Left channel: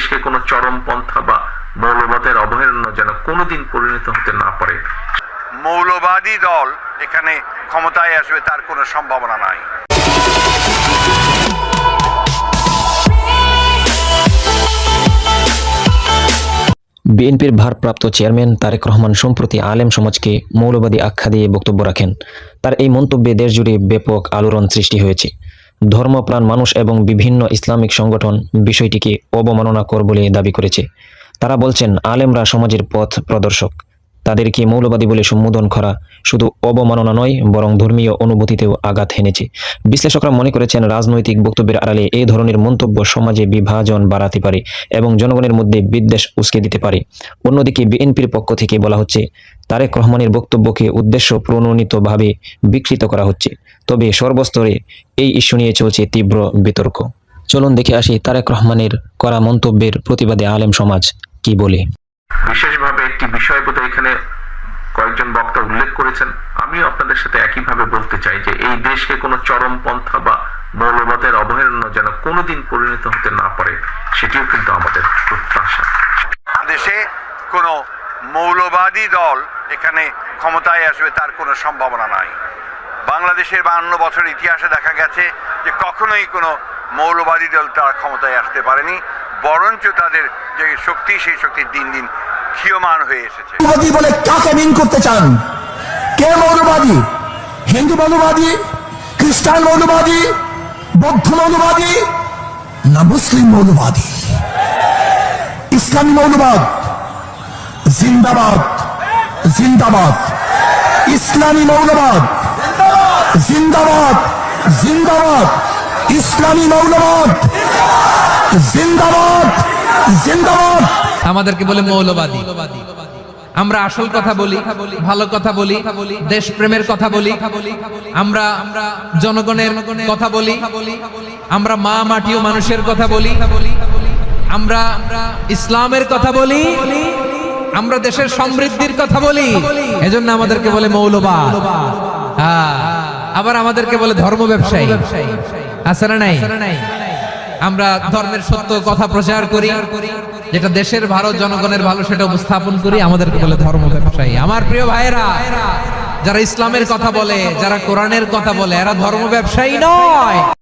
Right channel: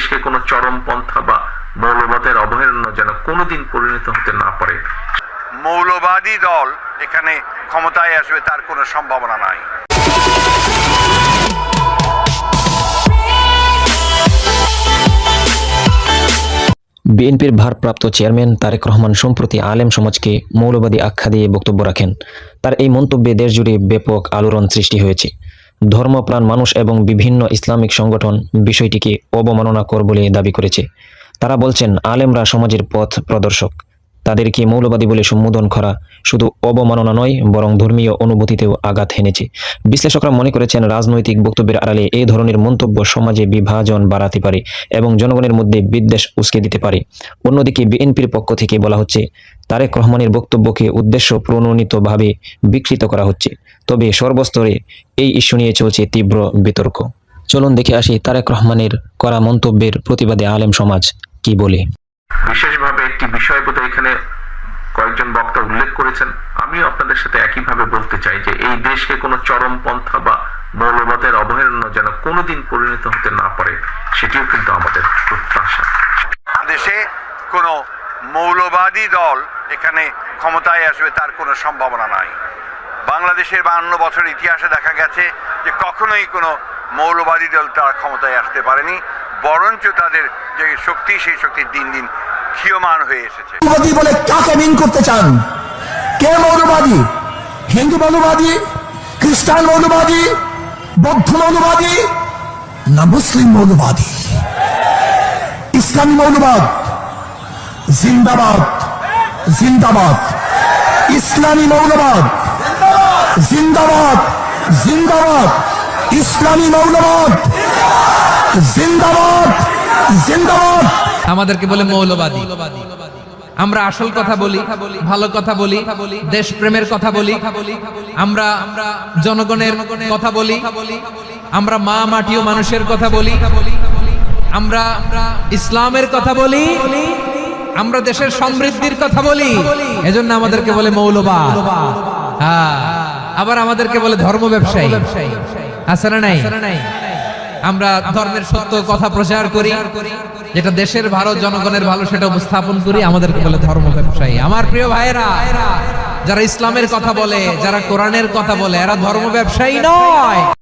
দেশকে কোনো চরমপন্থা বা মৌলবাদের অভয়ারণ্য যেন কোনোদিন পরিণত হতে না পারে। মৌলবাদী দল এখানে ক্ষমতায় আসবে তার কোনো সম্ভাবনা নাই। বিএনপির ভারপ্রাপ্ত চেয়ারম্যান তারেক রহমান সম্প্রতি আলেম সমাজকে মৌলবাদী আখ্যা দিয়ে বক্তব্য রাখেন। তার এই মন্তব্যে দেশজুড়ে ব্যাপক আলোড়ন সৃষ্টি হয়েছে। ধর্মপ্রাণ মানুষ এবং বিভিন্ন ইসলামিক সংগঠন বিষয়টিকে অবমাননাকর বলে দাবি করেছে। তারা বলছেন, আলেমরা সমাজের পথ প্রদর্শক, তাদেরকে মৌলবাদী বলে সম্বোধন করা শুধু অবমাননা নয়, বরং ধর্মীয় অনুভূতিতেও আঘাত হেনেছে। বিশ্লেষকরা মনে করেছেন, রাজনৈতিক বক্তব্যের আড়ালে এই ধরনের মন্তব্য সমাজে বিভাজন বাড়াতে পারে এবং জনগণের মধ্যে বিদ্বেষ উস্কে দিতে পারে। অন্যদিকে বিএনপির পক্ষ থেকে বলা হচ্ছে, তারেক রহমানের বক্তব্যকে উদ্দেশ্য প্রণোদিতভাবে বিকৃত করা হচ্ছে। তবে সর্বস্তরে এই ইস্যু নিয়ে চলছে তীব্র বিতর্ক। চলুন দেখে আসি তারেক রহমানের করা মন্তব্যের প্রতিবাদে আলেম সমাজ কি বলে। বিশেষভাবে একটি বিষয় বোধহয় এখানে কয়েকজন বক্তা উল্লেখ করেছেন, আমিও আপনাদের সাথে একইভাবে বলতে চাই যে এই দেশকে কোনো চরমপন্থা বা মৌলবাদের অভয়ারণ্য যেন কোনোদিন পরিণত হতে না পারে, সেটিও কিন্তু আমাদের প্রত্যাশা। দেশে কোনো মৌলবাদী দল এখানে ক্ষমতায় আসবে তার কোনো সম্ভাবনা নাই। বাংলাদেশের 52 বছর ইতিহাসে দেখা গেছে যে কখনোই কোনো মৌলবাদী দল তারা ক্ষমতায় আসতে পারেনি, বরঞ্চ তাদের যে শক্তি, সেই শক্তি দিন দিন ক্ষীয়মান হয়ে এসেছে। কাকে বিন করতে চান? কে মৌলবাদী? হিন্দু মৌলবাদী, খ্রিস্টান মৌলবাদী, বৌদ্ধ মৌলবাদী, না মুসলিম মৌলবাদী? ইসলামী মৌলবাদ জিন্দাবাদ, জিন্দাবাদ। ইসলামী মৌলবাদ জিন্দাবাদ, জিন্দাবাদ। ইসলামী মৌলবাদ জিন্দাবাদ, জিন্দাবাদ। আমাদেরকে বলে মৌলবাদী। আমরা আসল কথা বলি, ভালো কথা বলি, দেশপ্রেমের কথা বলি, আমরা জনগণের কথা বলি, আমরা মা মাটি ও মানুষের কথা বলি, আমরা ইসলামের কথা বলি, আমরা দেশের সমৃদ্ধির কথা বলি। এজন্য আমাদেরকে বলে মৌলবাদ। আবার আমাদেরকে বলে ধর্ম ব্যবসায়ী। আছে না নাই? আমরা ধর্মের সত্য কথা প্রচার করি, যেটা দেশের ভালো, জনগণের ভালো, সেটা উপস্থাপন করি, আমাদেরকে বলে ধর্ম ব্যবসায়ী। আমার প্রিয় ভাইয়েরা, যারা ইসলামের কথা বলে, যারা কোরআনের কথা বলে, এরা ধর্ম ব্যবসায়ী নয়।